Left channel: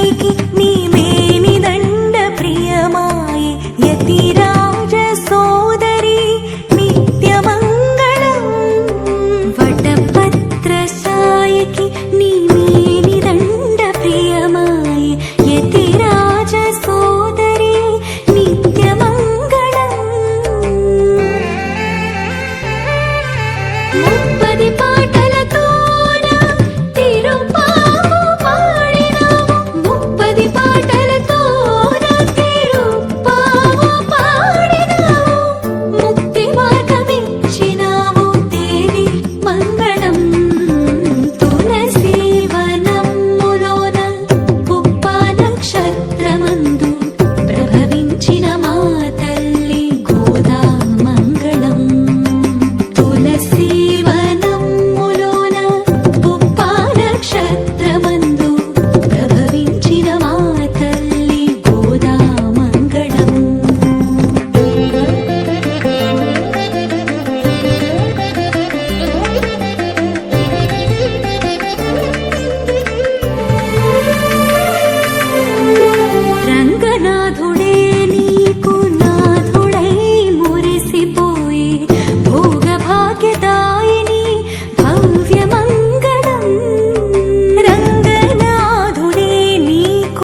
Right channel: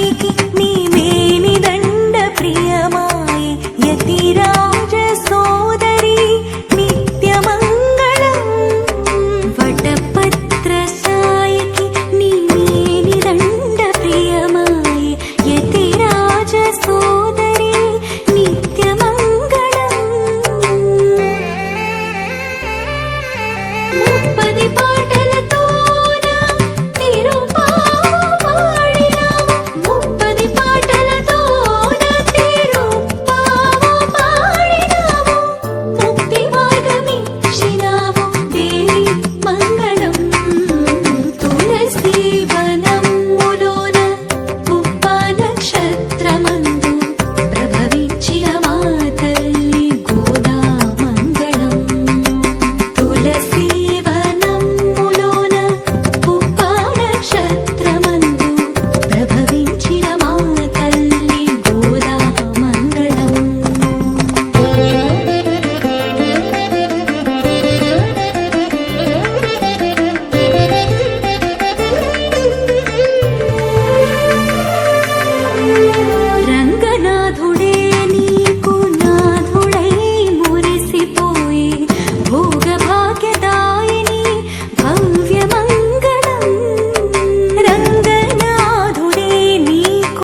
పైకి నీ మేని దండ ప్రియమాయే యతిరాజ సోదరి నిత్యమంగళం. వటపత్ర సాయికి నీ మేని దండ ప్రియమాయే యతిరాజ సోదరి నిత్యమంగళం. రంగన